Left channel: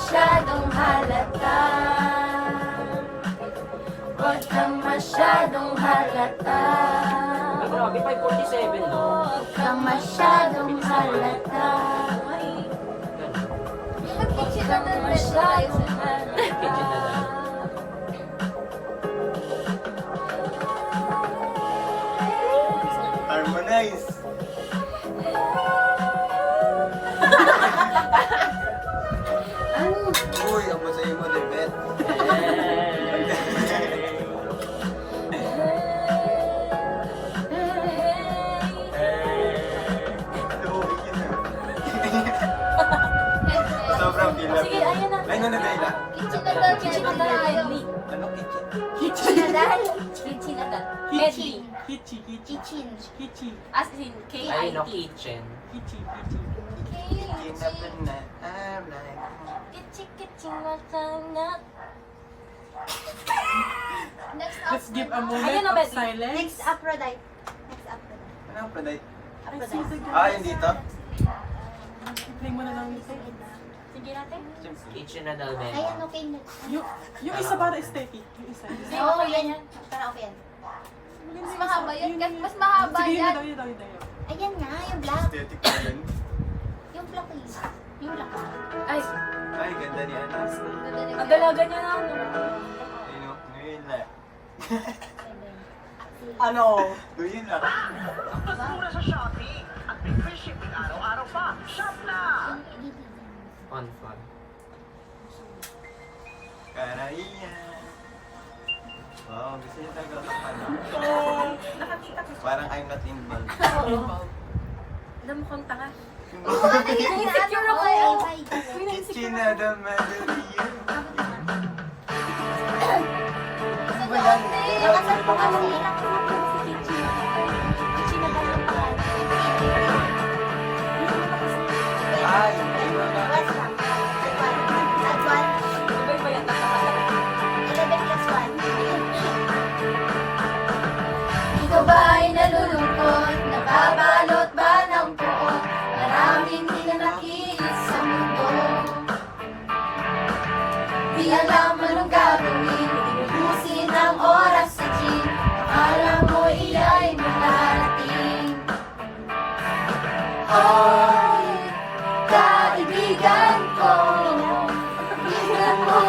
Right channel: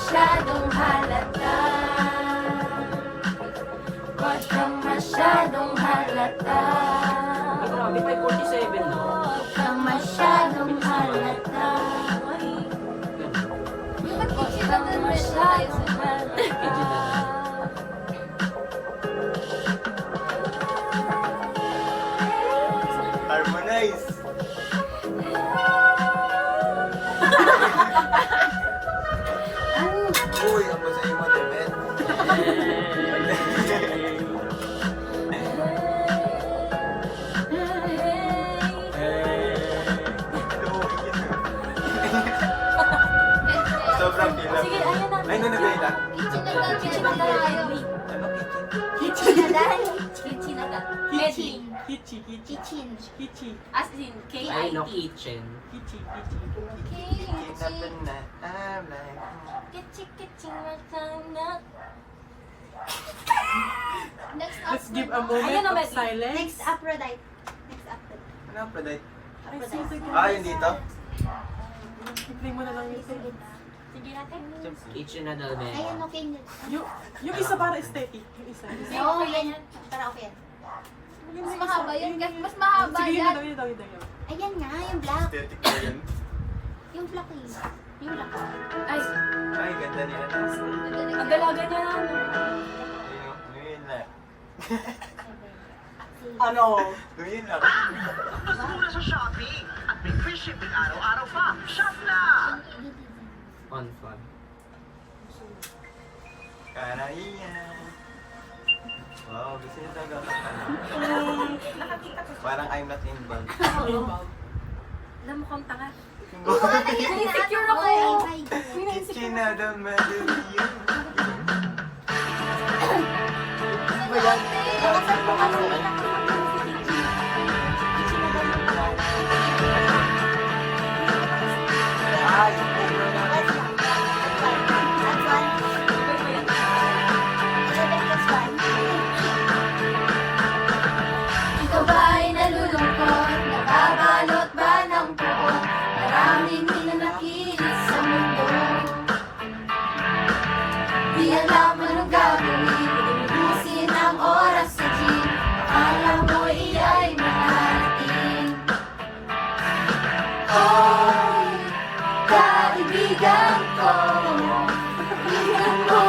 masyadong halata. Huwag kang masyadong halata. Grabe, 547 no? Huwag kang masyadong halata. Huwag kang masyadong halata. Harmonize! Uy, ako sa iyo mo, Debet. Sobrang gila. Sige, ayan na. Ay, nanadayla. Kitchinadal Medley. Ano, kitchen? Kitchinadal. Kitchinadal. Medley. Kichi. Kichi. As in, Ay, no, K-I-T. kitchen. Kitchi, kitchinadal. Let's give a moment Ayan, no, of Medley. silence. Next Aphrodite. Next Aphrodite. Ano ang product? Aphrodite. Ah, yun dito? Play mo na lang ito. Sige natin. Kitchen na daw, Ben. Ayan, okay na. Yung isa para aesthetic. Yung isa. Sige, Oo, okay yan. yan. Tara, okay yan. Mas mahaba yun. Mas mahaba Sige, yun yan. na daw, yun daw. Ayan na, yung black. Aesthetic ko yun. Yung black please. Yung black. Ay, Ay, ganda ni ano. ang dalaga niya na ano. Ayun, ngayon lang. Ano? Ngayon lang. Mas mura sa Shopee at may free shipping araw-araw pa. Shop na! On fun. Kaiyan. Wow, gusto niyo talaga kakpan, no? Parang I'm not involved. Alam mo kang tanga. Insecure Insecure ako. Chinada Madeline. Ano ba yan? Nakasal mo ka nung ilang ko nung si Kitchi. Kitchinadal yung pangalan. Ay, hindi mo na What's lang? Add one. Add one. Iba-iba yan pag nakasal. 11 plus 1. Ikaw ba ay nalulungkot? Nababalot ba ng puot? Maraming hinanakit sa mundo. Di alam anong gagawin, inubusin ang oras sa gym. Akala mo iya'y mararating. Hoy, kaibigan ko, tingnan mo,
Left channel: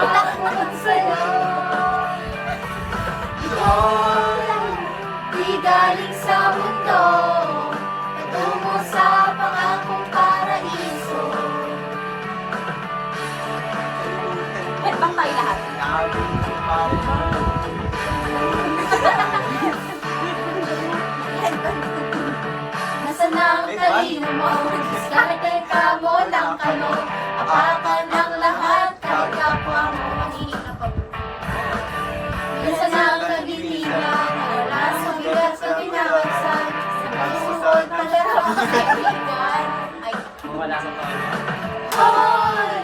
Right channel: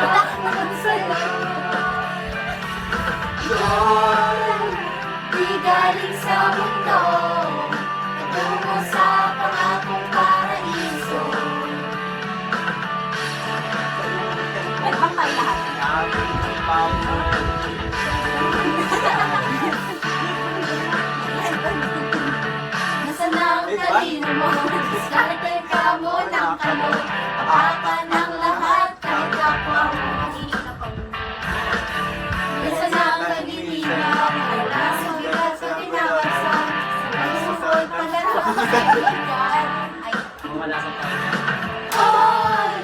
takbo sa'yo. Ito'y di galing sa mundo, patungo sa pangakong paraiso. Headbang tayo lahat. Labi ni Papa. Nasaan na ang talino mo? Diskarte ka mo ng kano. Apakan ng lahat kahit kapwa mo. Nasaan na ang kagilinan? Wala sundal sa tinawasan. Sa pagsusod pala ang kaibigan. Ay, Wala sa taon. hoy!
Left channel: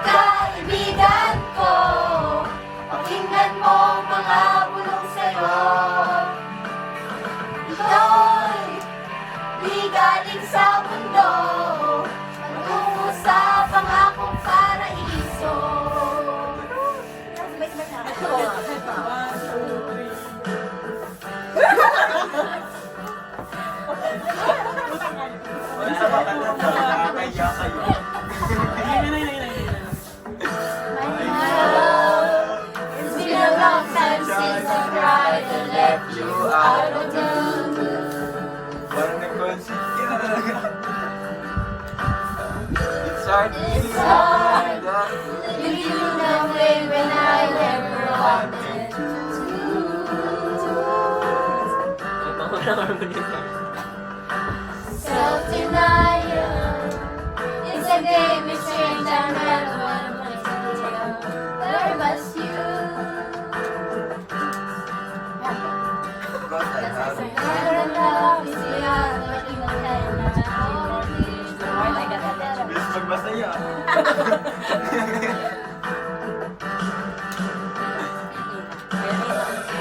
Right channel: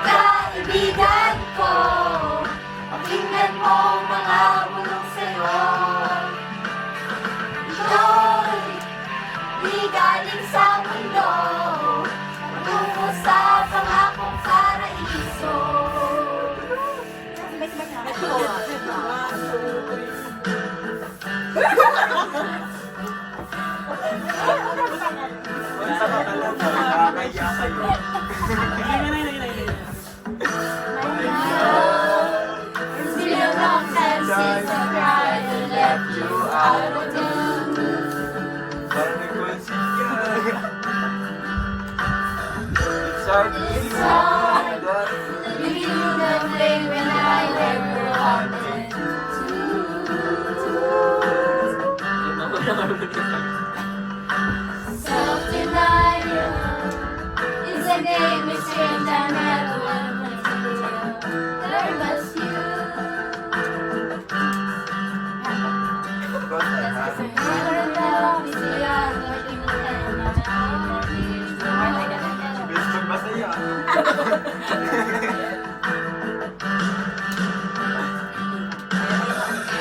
Kaibigan ko! Pakinggan mo ang mga bulong sa'yo. Ito'y di galing sa mundo, patungo sa pangakong paraiso. Sabay-sabay na. One, two, three. Wala ka pala nakakaya kayo. My love, it's been a long time since I cried and left you out of the mood. Parang nag-conceive ka. It's hard to It's see hard. that. Leave you away when I never wanted to. Self-denial is a game of strange I never wanted to do. There was you. God, I have you. Love is beyond what you can Bilis magbasa yan.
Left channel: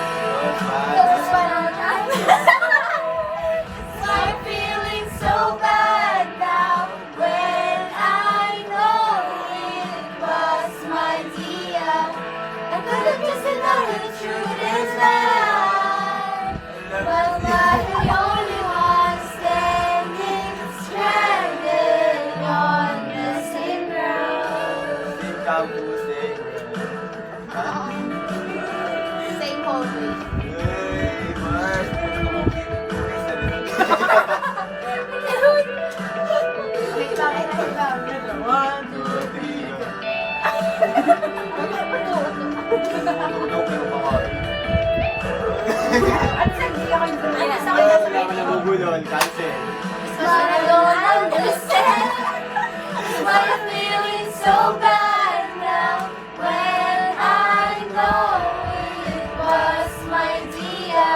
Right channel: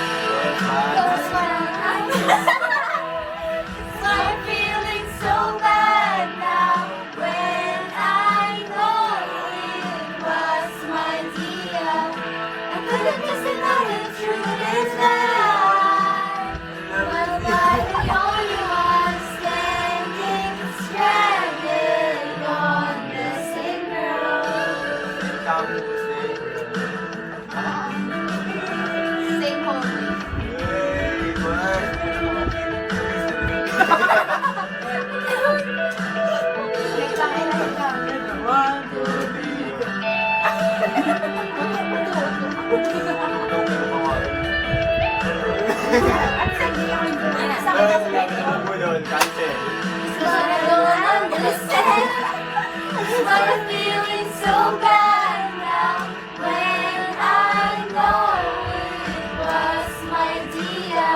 Close my eyes. I'm feeling so bad now when I know it. Ito, 1, 2, 3, go. Ikaw, ganun ka nga. Ano sa hindi ako yung Ayun, sa Wala naman nabubulol. Cancel. I don't understand why I'm feeling so bad now when I know it was my dear.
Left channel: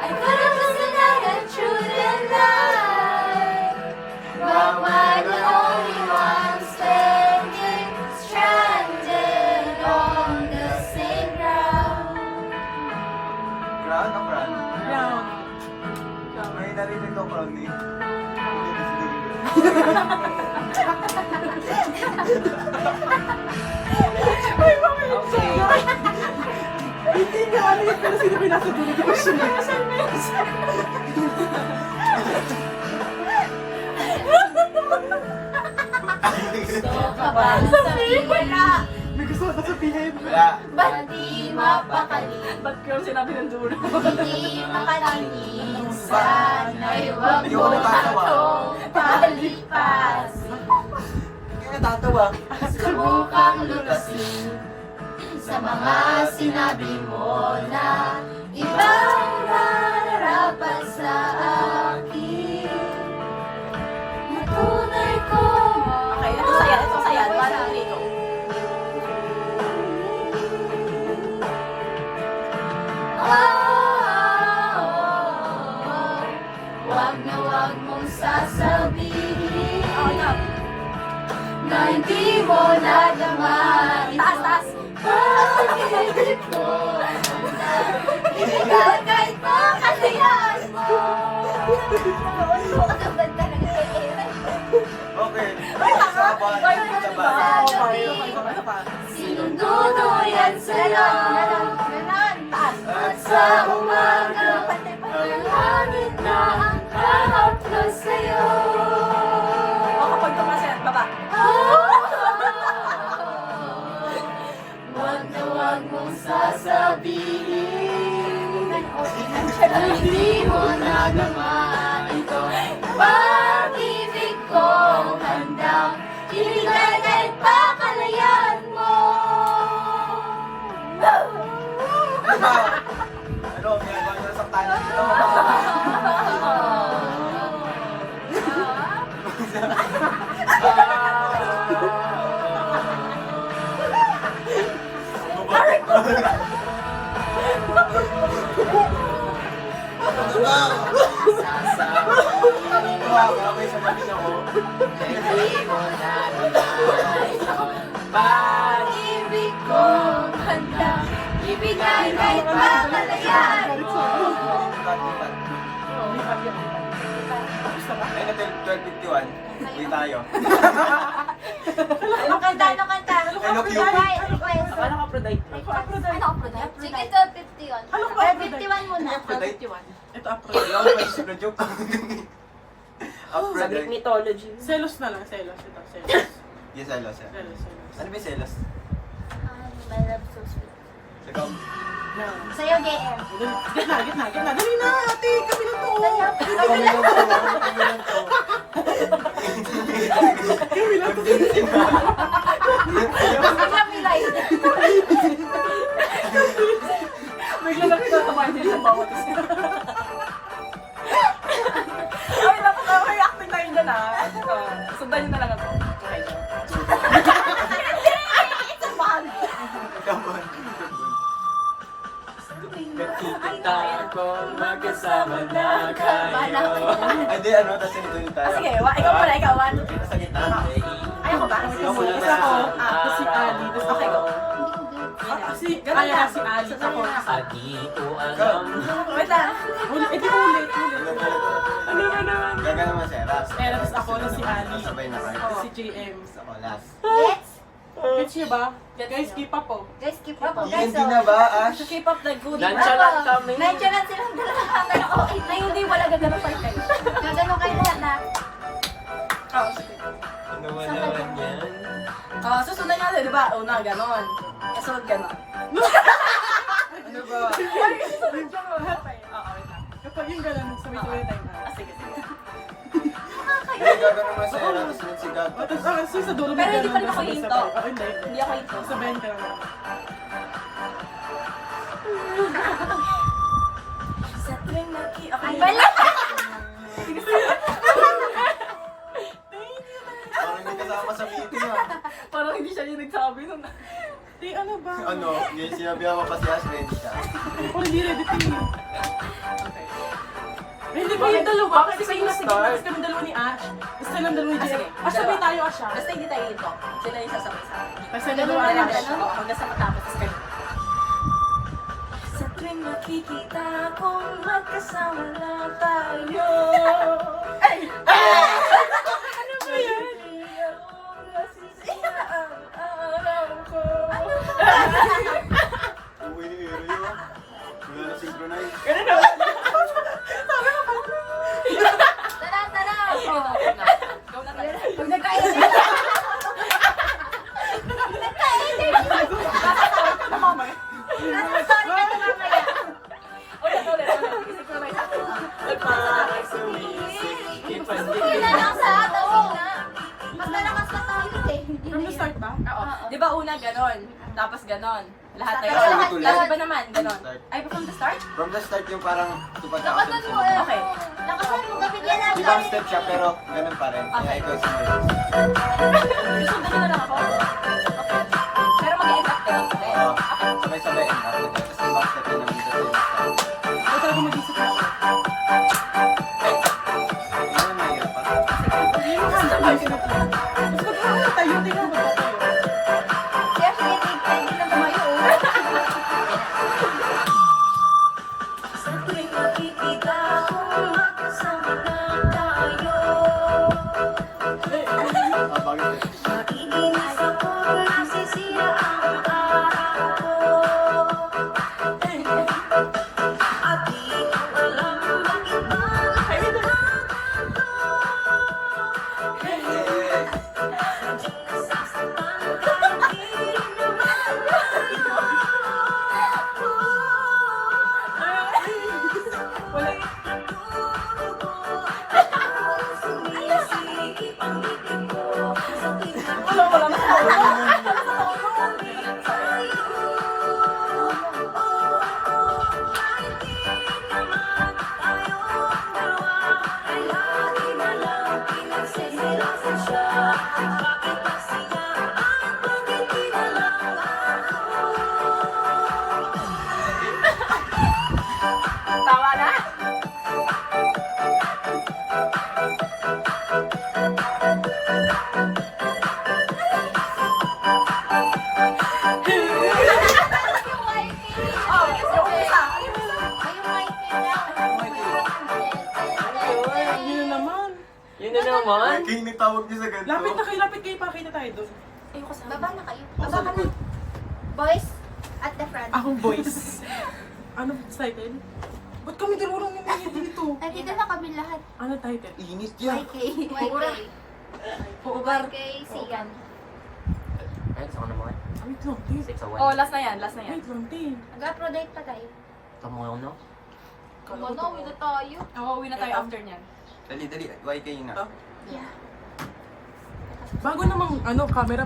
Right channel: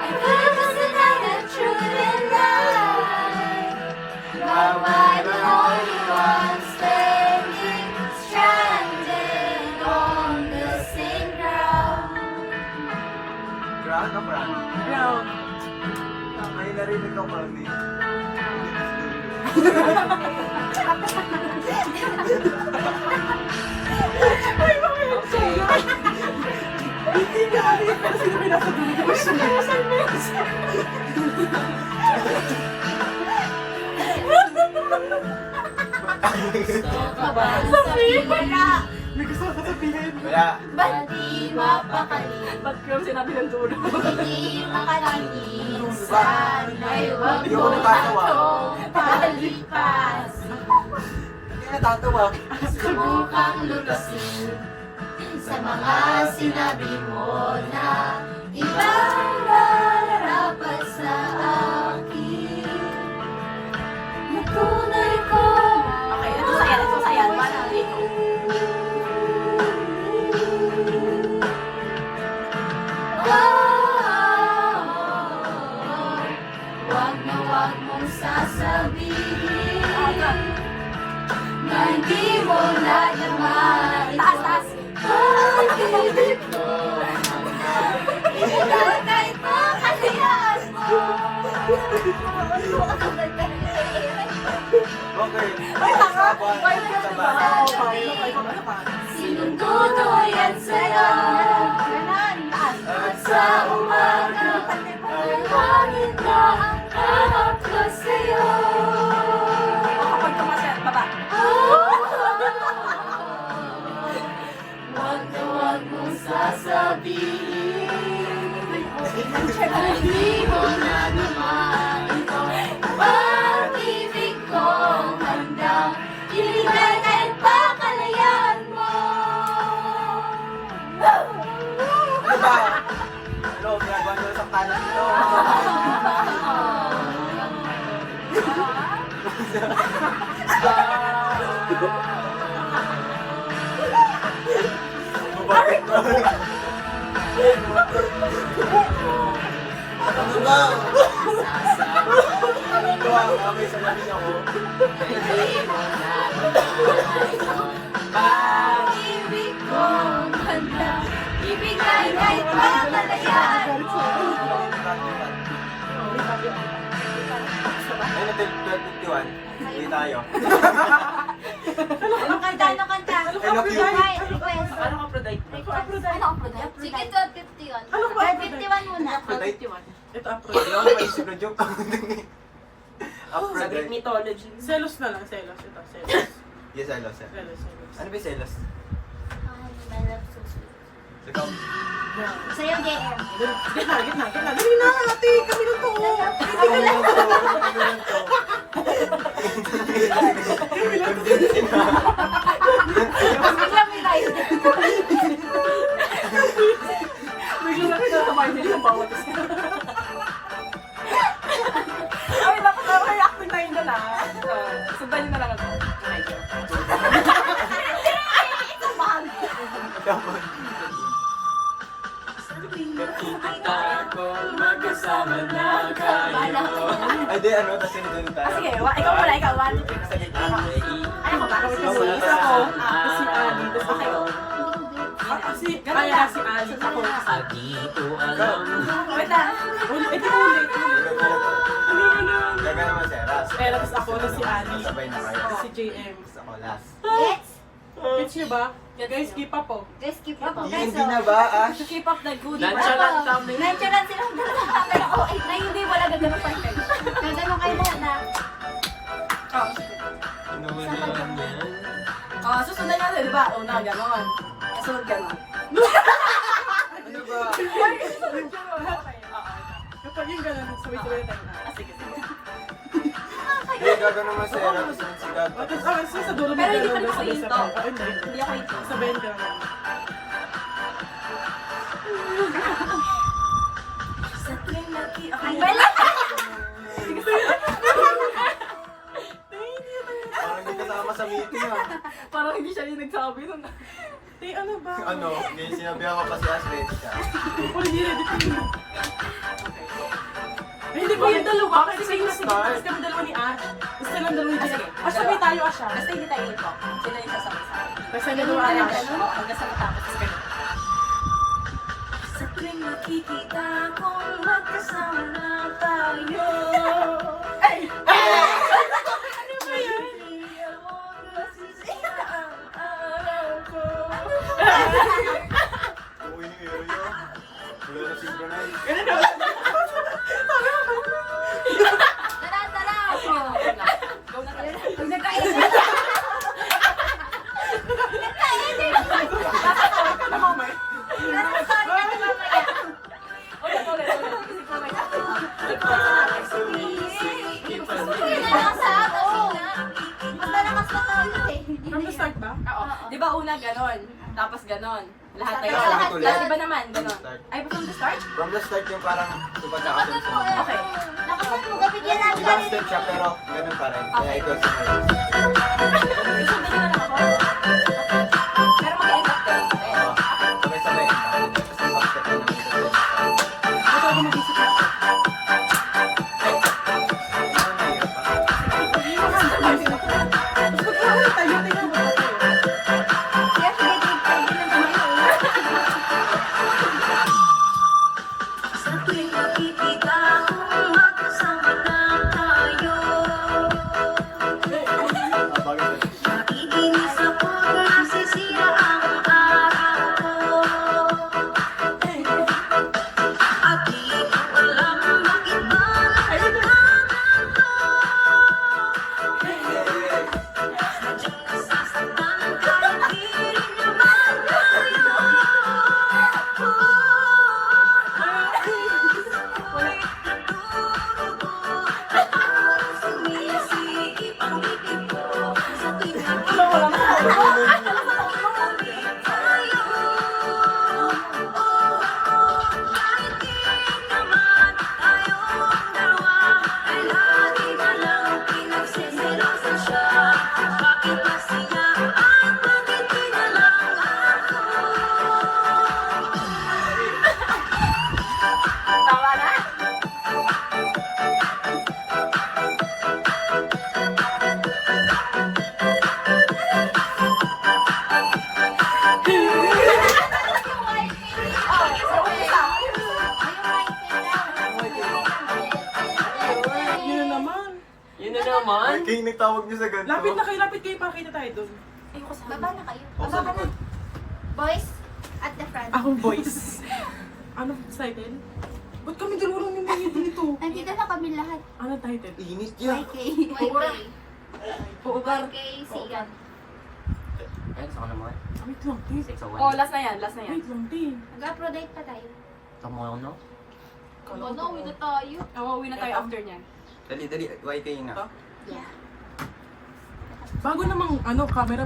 I could have just denied the truth and lied, but we're the only ones standing stranded on the same ground. Crown o crown? Ground. May narinig ng crown eh. Ay, bakit? Hindi niya ano yun, pero sino may nasa dulo? Di ba siya? Sabihin wala, May gusto ka sabihin. Wala. ba't di mapakali? Ba't kayo sinabi ng dulo? Di makarating, sana'y wag Di mo ako natatawa. akong palipas. Hindi natatawa. Subukang lutasin sa mga sinabi mo na ibang nararapat sa akin. Natunay ko. Okay, ito saya, ito saya. 1, 2, 3, go. Wag na wag mong sasabihin na hindi mo nadama ito. Taas. Pag-ibig ko ito kahit makalayan mo. Bakit? Ay, tanga! Sabay, Five ka sabay. ba? Oo, five. Ano ka? Sinong tutuyan sa'yo Taas. at sa umaga ang langit na ang kahap ko sa'yo. O kapag tumasin, baba. Wag na wag mong sasabihin na hindi mo nadama ito. Pag-ibig kong handang ibigay kahit pakalayan mo. Diba? Ano, ginagawa nyo sa kanan nyo. May sasabihin ako. Hindi mo nadama ito. Pag-ibig kong handang ibigay kahit pakalayan mo. Lipat yun, lipat. Gusto ba? Ay, na 12:51. Uwi tayo. Anong kanta? Anong kanta? Ano ka, Ay, request. Ano ka, Aphrodite? Ako, Aphrodite. Ano ang product? Sige, 12:51. Ano ba, Or Aphrodite? 51 muna. Aphrodite? Ito, Hindi Aphrodite. ako maisip na joke. Aphrodite. mythology. Selos na lang, selos. Ito, selos. Yes, selos. Selos, selos. Ano ba yung selos? My love so sweet. Ikaw? Yan. Sa'yo, JM. Gitna. Dali na, ate. Kami lang to. Kami lang to. Kami lang to. Biglang may live. Bigla na kinatabayan nila yung bawat isa. Ay, dapat ako reacting na yun dyan sundan nyo na lang ako. Okay, go. Nakikita ko magkasama na kayo. Ay, di ano, tapos sinunod tayo. Sige, ikaw muna, ikaw. 1, 2, 3. Sa gitna. Ayaw ko ba? Wait lang muna. Isa ako. Tapos si Ali. Tapos Okay, ako. Si, kaya na si Ali. Ako. Wait lang. Ulit. Gaga naman si Eras. Ella, tapos ako. Tapos si Ali. Sabay na kayo. Tapos si JM. Tapos ako last. Gets? Gets nyo ba? Guys, keep up po. Guys, keep up. Hindi na ba, Ash? Keep up the good. Nonchalant kami. Nonchalant silang dalawa. Pero okay na hindi wala gagano pa kayo. Gagano kayo lahat na. Oo, sige. Ano ba naman yan? Susunod natin, di ba? Una, ganon. Kasunod ganon. Ano ba? Okay, oo, wait lang. Kapag yung ganun, sabay-sabay na tayo na. Sige. Hindi, gagano mo sa'yo. Tapos nagsigaw. Tapos sa dulo Pero hindi pa ganun, rin ako sabay-sabay. hinto. Oo, hindi. Hindi ako ito. Sabayan ka. Sa tuwing Ang bala! Parang hindi kasama sa meeting ah. Parang hindi siya yung nagsabi nun. Ano ba? Ano, ngayon sinabi ako kasi as ready ka. O, hindi ready to me. Okay. Ay, hindi ko yung dalawa. Kasi kayo nasa gitna. Kasi kami dalawa ni Ash. Gusto lang dalawa ni Ah, Jen. sige. Ash, sabay tayo, Ash. ah. Basta hindi tayo ito. Sila yung sasabay sa akin. Basta may dalawa Ano, Ash. ano? Hanggang sa matapos. Tapos ganito. Sa tuwing makikita kong magkasama lang tayo. Ay! Ano ba yan? Nasisira ang araw ko. Uy, ni Ero yun. Wala na synchronize. Tara, tara! Sige na, go na. Go na tayo. Pag nagkain Ikaw na mamay. Ulit. Synchronize natin. Synchronize natin. Malakas ha, tawag nga. Mas malakas na tayo eh. From the start ba? Oo. Di ba una ganon? Tapos ganon. Lahat na Lahat yun. ulit. Tapos iba naman, ganon. Start. Ay, pa from the start? From the start yung parang tupad ka kasi sa Okay. Nakasunod mo, gabigyan lang. Ibang step siya pero ganun pa rin. Kaya Okay. ikaw sumunod. Sundan nyo na lang ako? Okay. Pero mag-end up ganun pa rin. Oo. Okay. Sabay-sabay end up nila. Tapos ibang step na naman dito sa start. Ay, talaga mag-isip ako. Ano ang nahirap pa? Hindi mo handa tayo sinagyan. Tapos magkakaroon na tayo. Tingnan mo tayo. Kaya sige, pwede na tumayo. Sa tuwing nakikita kong magkasama lang tayo. Bagay sa Naiinis ako't nasisira ang araw ko. At di ko alam bakit ba nagkakaganto. Sadyang nasasaktan kahit di naman tayo. Wala. Nagdurugo, parang sumisikip ang bibig ko. Sa tuwing nakikita Wala na. naman tayong dalawa ay lagi na lang pinagsiselosan siya. Bakit ba siya at bakit di na lang ako? Tawa na? Oh, yung umpisa. Ay, yung white daw. Yun na naman. Yun na naman. King, nagtawag niyo sa ganito. Lapit kayo. Pakita tayo doon. Ayoko sa Baba na kayo. Ako sa likod. Boys, at the front. Akong voice. Ano title? Ba't kami dalawa lang ni Maya dito? Nandito na kami lahat. Ano title? Init yan. Okay. Puugar. Okay, sige. Ayun, sa kanila mo eh. Wait lang, Tin. 601. Oh, last na yan, last na yan. Wait lang, Tin. Mag-upload pa tayo. Kamu no? Ano, uwi na tayo. Oo, uwi na tayo after niyan. Dali, YK na. Yeah. Bago namang camera,